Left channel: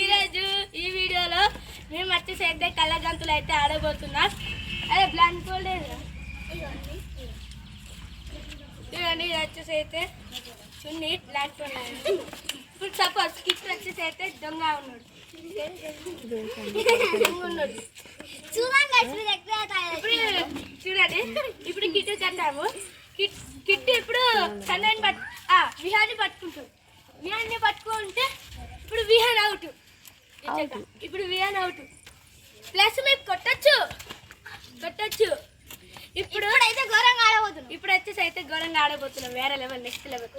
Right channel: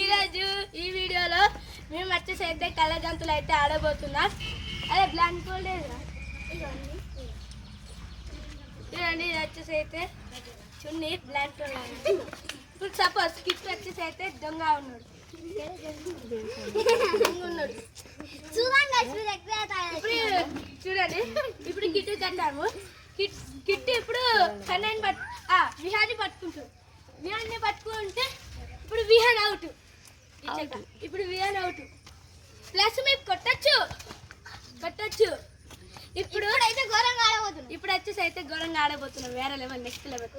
ఈరోజు ఈ వీడియోలో మేము వచ్చేసి అయితే కళ్ళ గంతులు అయితే ఆడబోతున్నాం. అదే బ్లాంక్ ఫోల్డ్ చూడండి, ఇది వచ్చేసి అయితే చున్నీ బ్లాంక్ ఫోల్డ్. ఇప్పుడు సపోజ్ కిట్ వచ్చేసి అయితే దొంగ ఉన్నాడు. చూడండి, ఇప్పుడు కిట్ కట్టాము. కిట్ ఇప్పుడు కన్నాన్ని విహాన్ని పట్టుకుంటాం. విహాన్ని పట్టుకుంటే ఇప్పుడు విహాన్ అవుట్. ఇప్పుడు విహాన్ అవుట్. ప్లస్ మేము కొట్టచ్చు. ఇప్పుడు అయితే ఘోరంగా ఆడబోతున్నాం. ఇప్పుడు వచ్చేసి అయితే ఘోరంగా ఆడబోతున్నాం. వేరే లెవెల్, నెక్స్ట్ లెవెల్.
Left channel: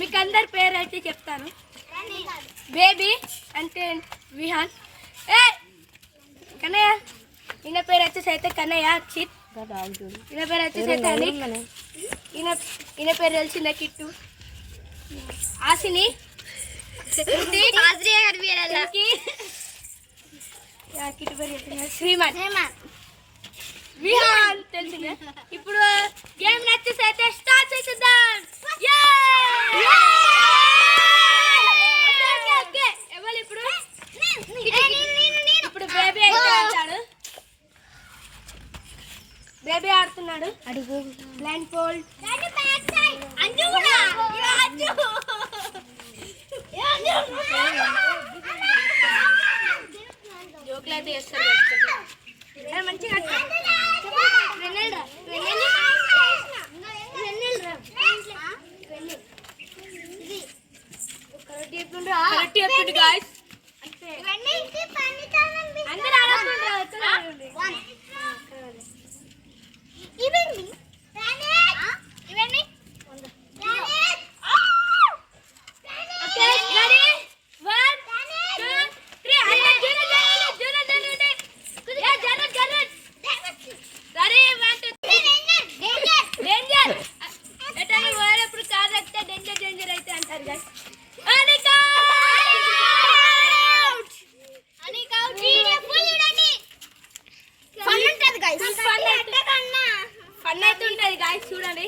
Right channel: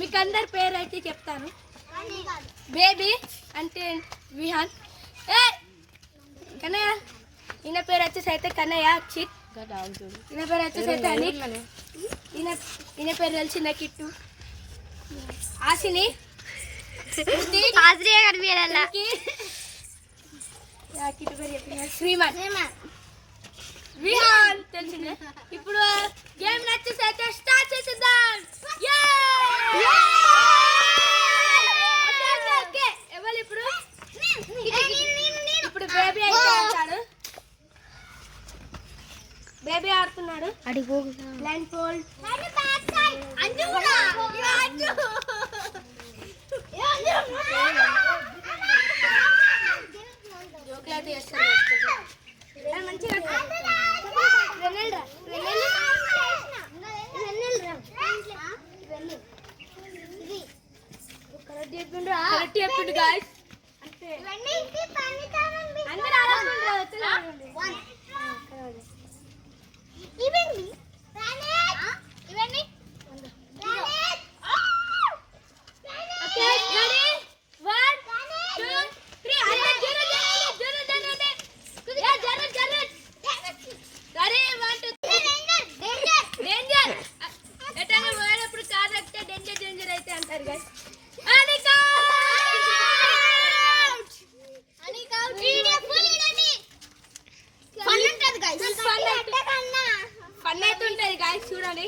మీకు అందరి పేరు అయితే చెప్తాను. బేబీ అంటే విహాన్. కన్నయ్య, ఈయన పేరు వచ్చేసి అయితే కన్నయ్య. చిత్ ఈయన పేరు వచ్చేసి అయితే అనిక్. ఈయన పేరు తెలిసిందా కిట్టు. ఆసిని కిట్టు పేరు చెప్తున్నా శ్రీమాన్. విహాన్ తెలిసిందా. ఇప్పుడు గేమ్ వచ్చేసి అయితే స్టార్ట్ చేసేద్దాం. ఎవరు ఇప్పుడు ఇప్పుడు బేబీ అయితే ఆడతాడు. బేబీ ఆడుతున్నాడు. Blind fold. జోకులు అయితే చేస్తారు మంచిగా. చెప్పిండు గాయ్స్. అందరూ ఆడుతుండ్రు. ఫన్ అయితే ఉంటుంది గాయ్స్. చూడండి,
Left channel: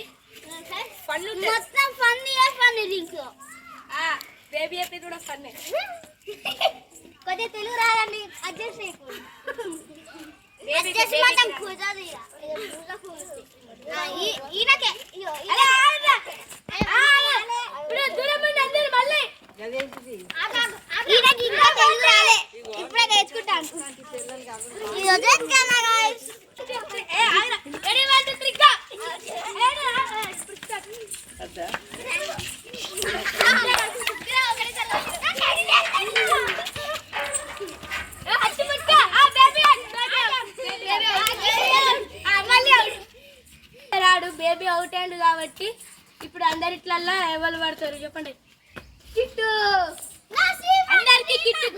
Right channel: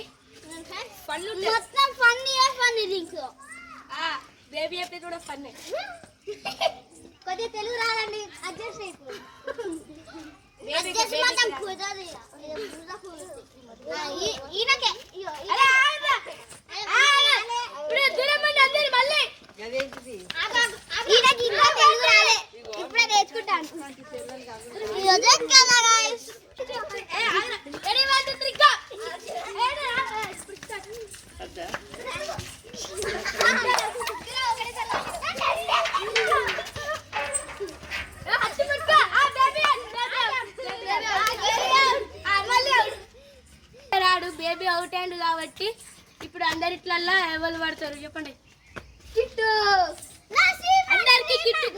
బేబీ చెప్పేది కూడా ఫన్. కొద్దిగా తెలుగు రాదండి, అడ్జస్ట్ అయిపోయింది. ఇప్పుడే నేర్చుకుంటాను. రాడు బేబీ అవుట్ అయ్యిండు కాబట్టి ఇప్పుడు అందరిట్లల్లా ఎవరు పడతారు చెప్పండి. కిట్టు అందరికి కిట్టు.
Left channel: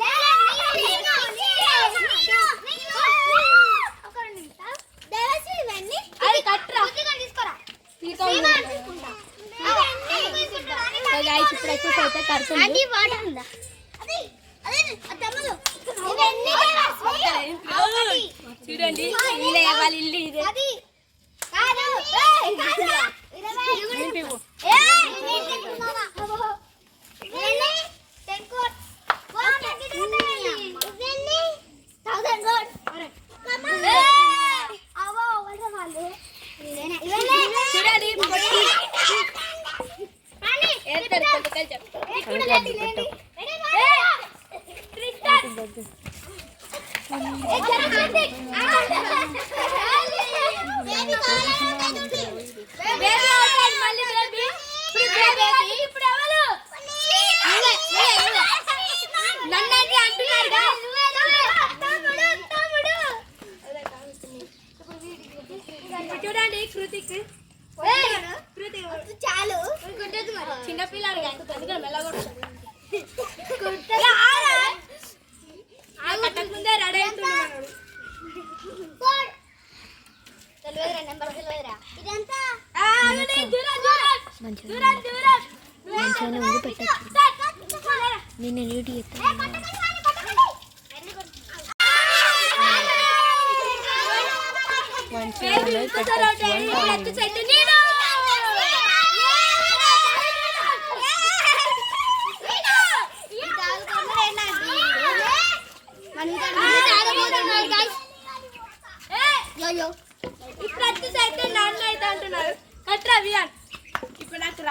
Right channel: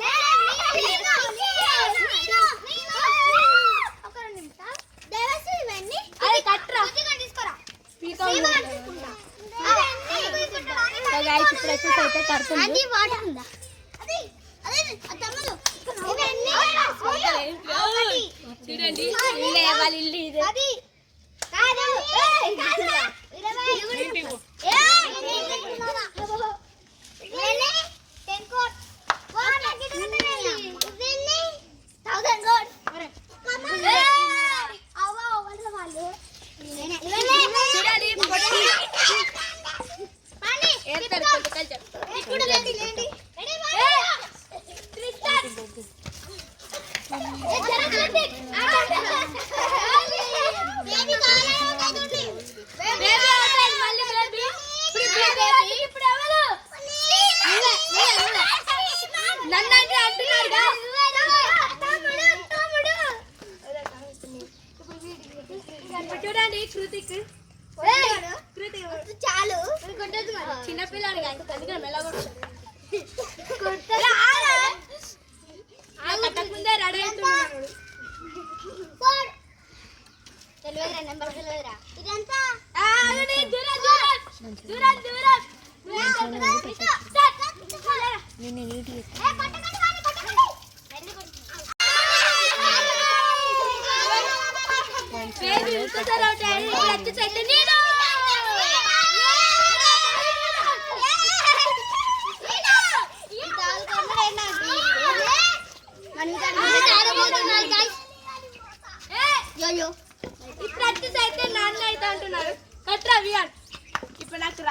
అది కట్టరా ఇప్పుడు వచ్చేసి అయితే కడుతుంది. చూడండి, వాళ్ళ ఇల్లు ఇదే. చూడండి, కృతిక్ చాలు చిన్నపిల్లాడు కట్టకముందే రెడీ అవుతున్నాడు.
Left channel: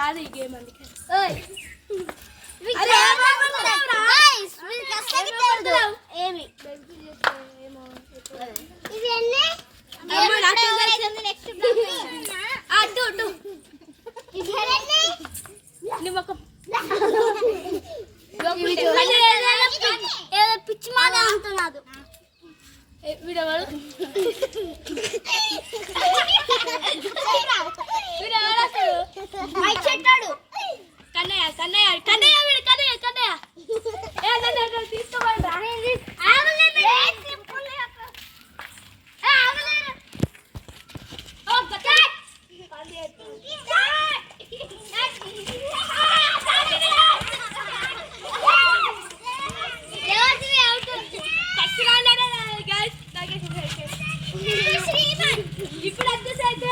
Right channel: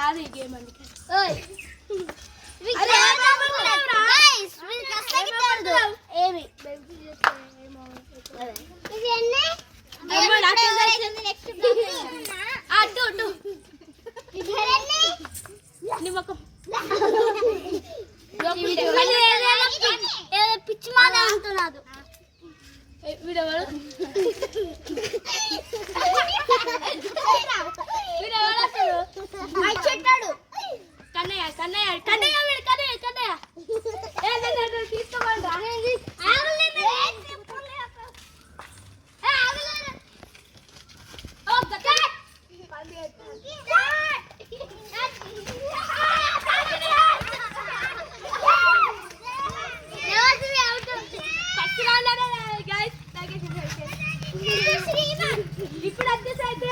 కాదు ఈ గేమ్ అందుకే పిచ్చి మాట అంటున్నాడు కన్నయ్య కన్నయ్య కన్నయ్య వీడు కన్నయ్య కన్నయ్య తీసుకోమంటా ఇప్పుడు వచ్చేసి అయితే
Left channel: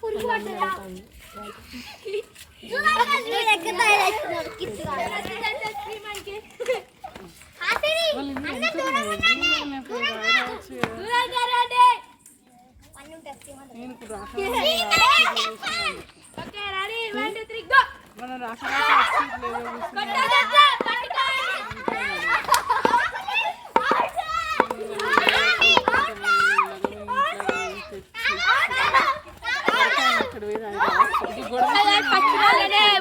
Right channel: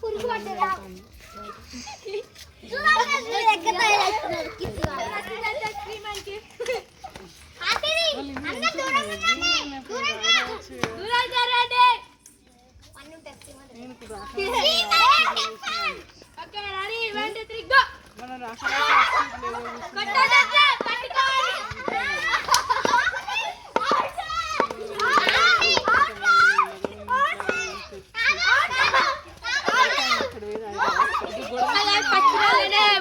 పురుగు పడ్డా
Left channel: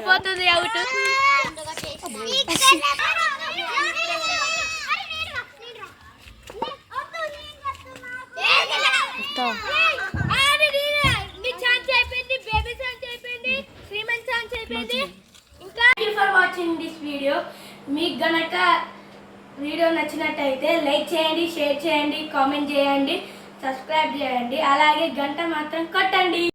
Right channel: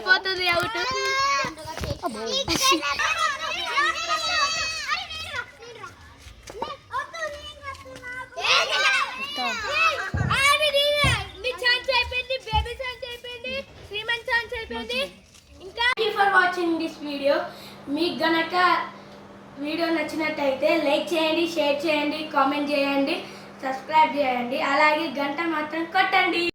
పోతుంది అవుట్ ఇంకా ఫర్ వాచింగ్ దిస్ వీడియో మీకు గనక వీడియో నచ్చినట్టయితే లైక్ చేయండి, షేర్ చేయండి, కామెంట్ చేయండి, సబ్స్క్రైబ్ చేయండి, అలాగే గంట మాత్రం కొట్టండి.